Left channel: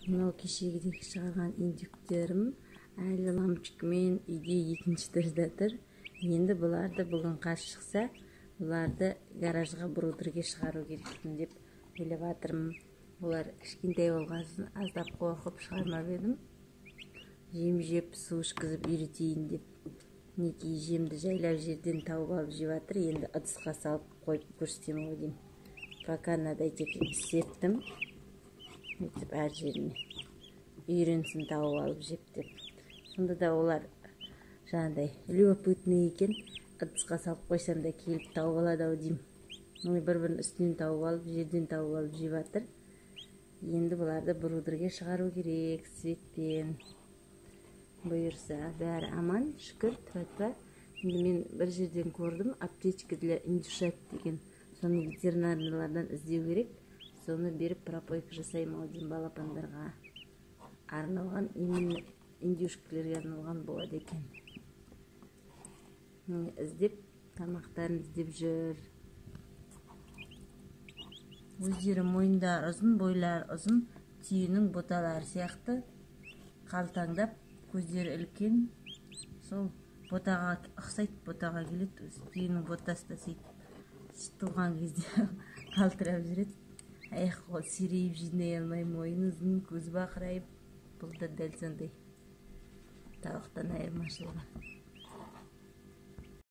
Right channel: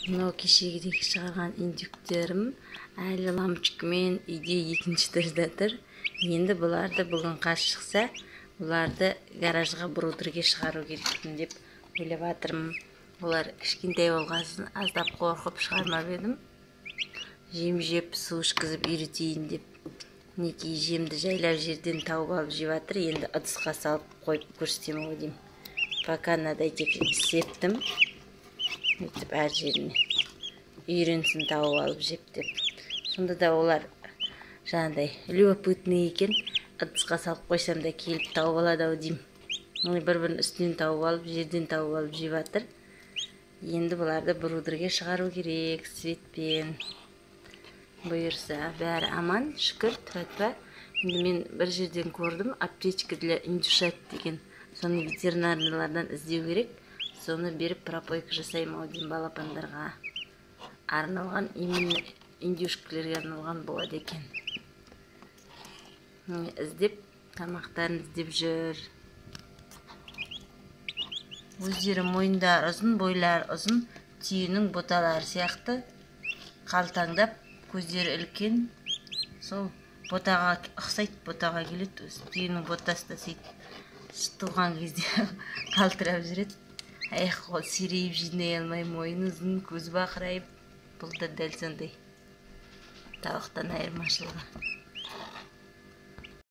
Мынау кешегідей шығарған индюктерім әлі лампочкамен үйде екіншіден жатыр. Енді бұларды бүгін қар шықса, бұларды гаражға брудерге шығару керекпін деп ойлап жатырмын. Олар кішкентай болғасын аздап қорқып шығармап едім. Жем жеп, су ішкізіп үйретейін деп. Мінекей жемді жайлап жерден тауып алып жеп жатыр. Енді ыдысқа салып қойып көрсетемін ғой деймін. Пока мынадай тек септім. Өйтіп әр жеріне үйренсін тауып алып жеп деп. Сонда да олар жаңағыдай любопытный екен. Ыдысқа салып қойсам да келіп тауып алады ау деймін. Бір-бірін үстінен тауып алып, жерден тауып алып жеп жатыр. Енді бұларды брудерге шығару керек светпен. Бұйырса, бәрі аман, шүкір, тәуба. Енді мен бір жерден көрдім, аптечка для индюшат деген. Соны ветеринарлардан іздеу керек. Соны беріп пропойка жасаймын ау деймін балапандарға. Арналған, именно индюшкілерге арналған болады екен. Іздеп, тамақтарын іздеп жүр. Өздері мойындар ұзын, бойлар ұзын, түйенің боталары сияқты қалтаңдап, көздері үлкен. Сол ботаға ұқсайды, ботаға келеді. Түйенің ботасы да сөйтіп туған кезде қалтырап жүреді. Аяқ қол сирейіп жинай алмай, мойын ұзын, көз бақырайып. Бұл да дәл сондай. Тауықтан айырмашылығы.